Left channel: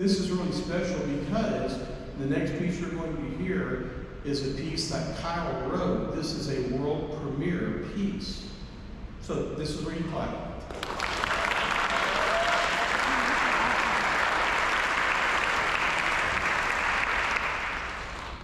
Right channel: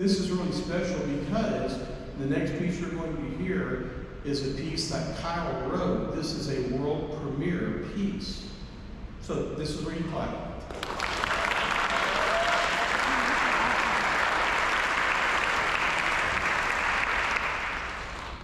This is really special because the next piece you're going to hear is a piece that Kyle wrote. This is a world premiere piece. So this is where you clap.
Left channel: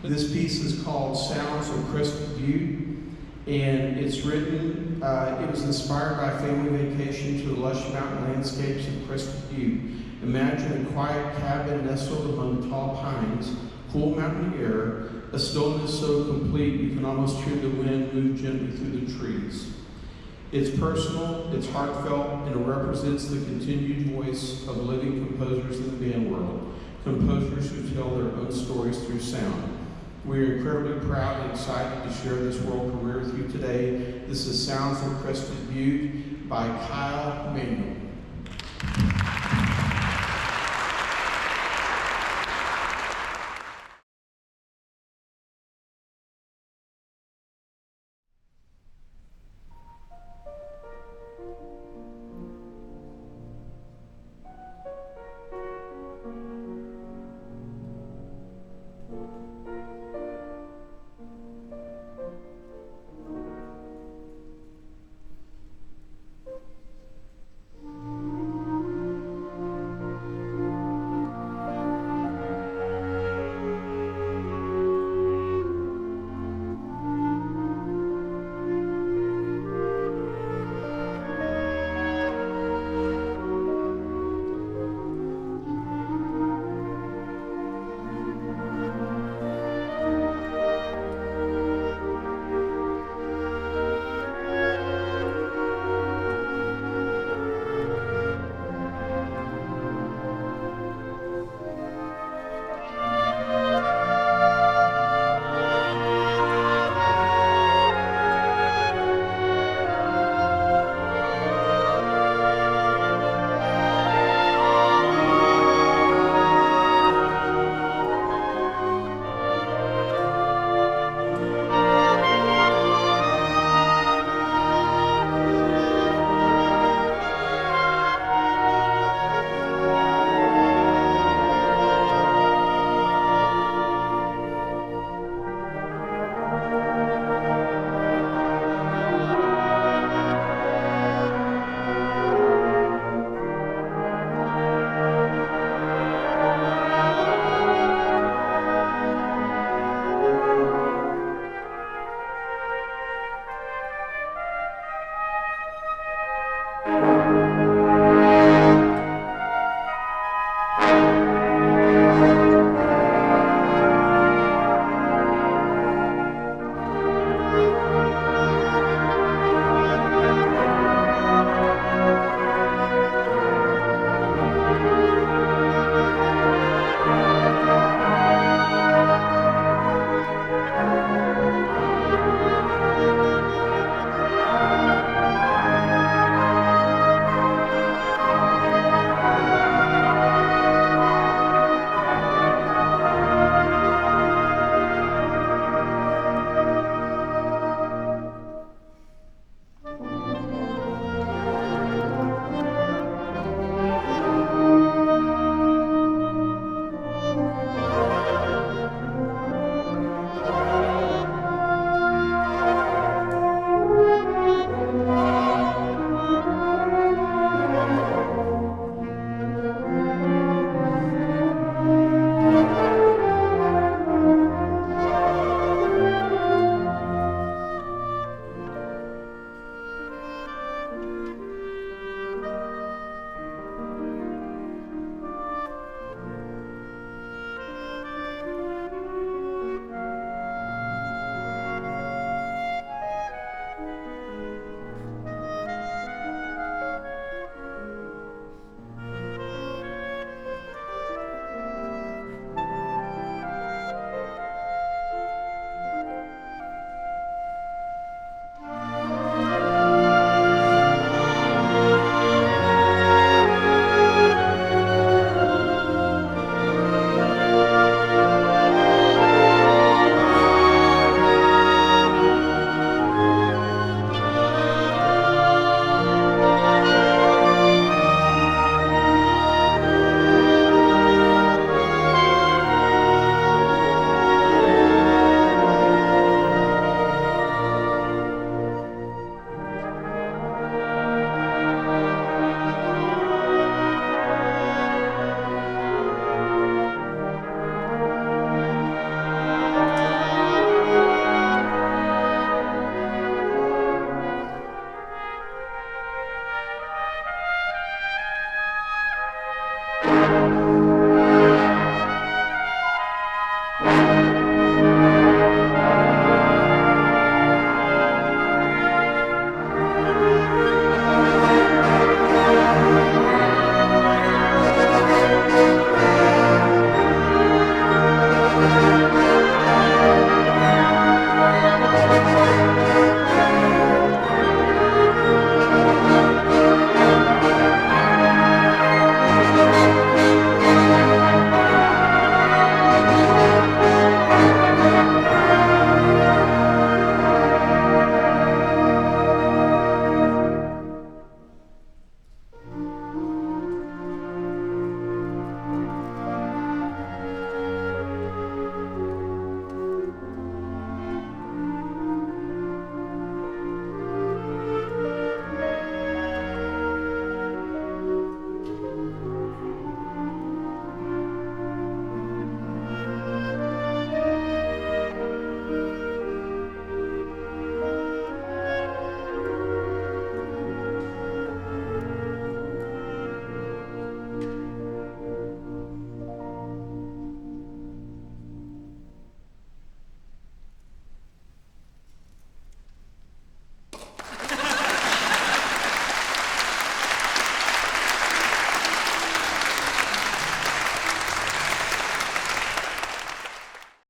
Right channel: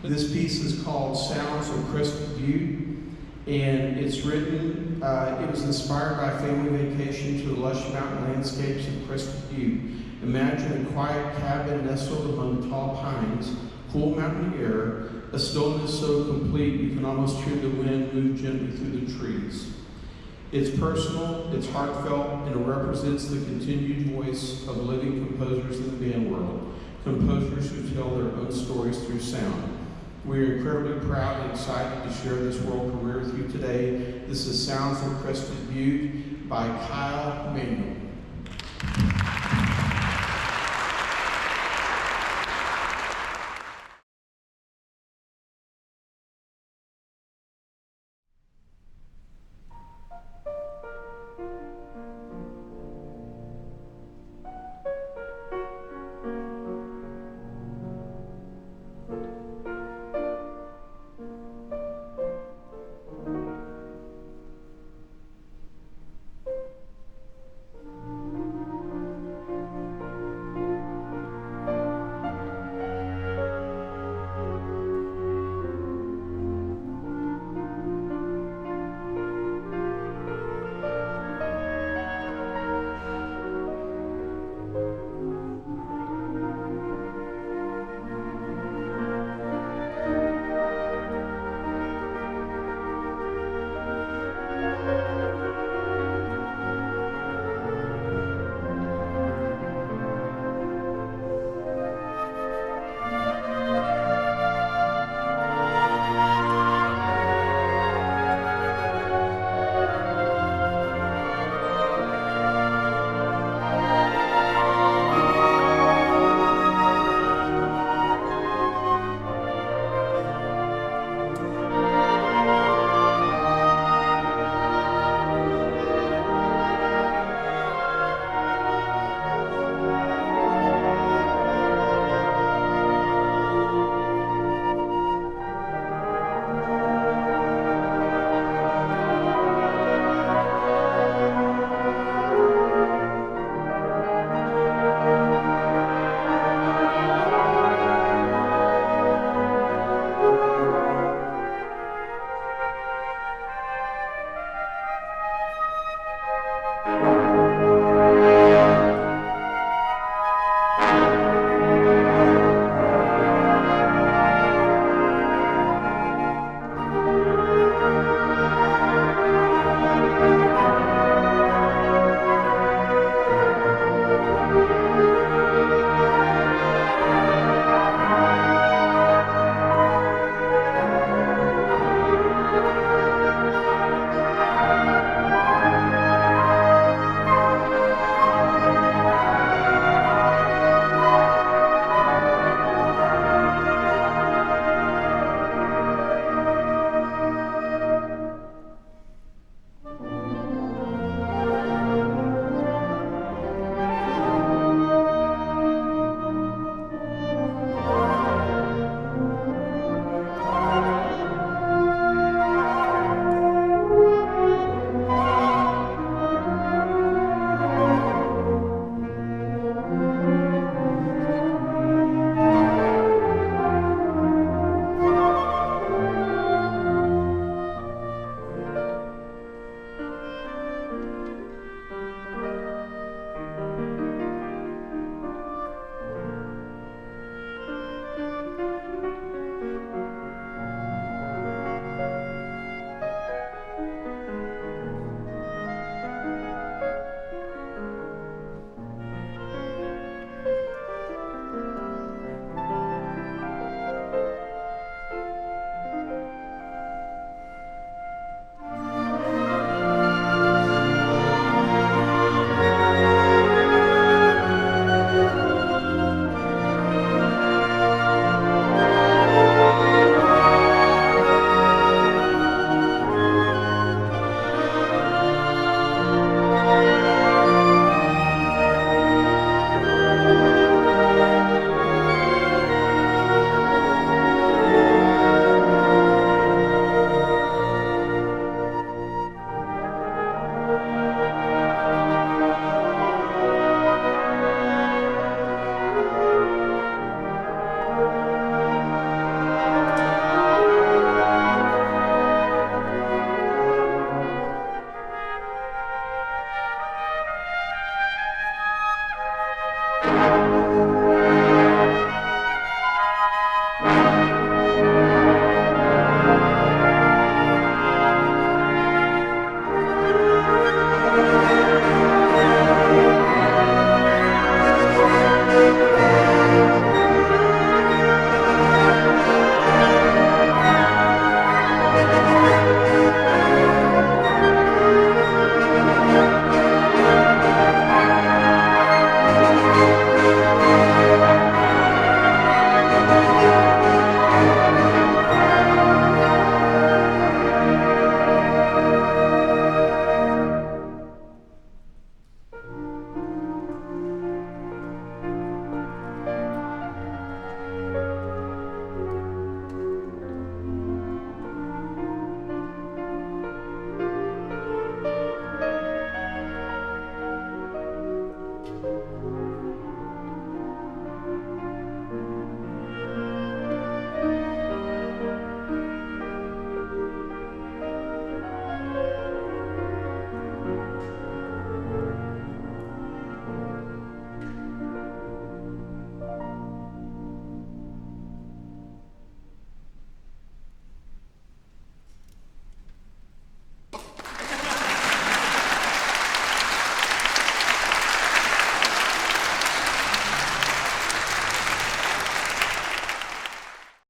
This piece is called Sounds of Crested Butte, and it's written, it was inspired by a family vacation to the lush mountain landscapes of Crested Butte. Imagine a quiet cabin nestled among tall pines, cool mountain air, a stillness so complete you can almost hear the wind move gently through the trees. It's personal, it's heartfelt, and it represents the continued voice of living composers in the band world, composers who tell their own stories through sound. We are incredibly proud and excited to share this world premiere with you today. This is Sounds of Crested Butte by Kyle Manuel.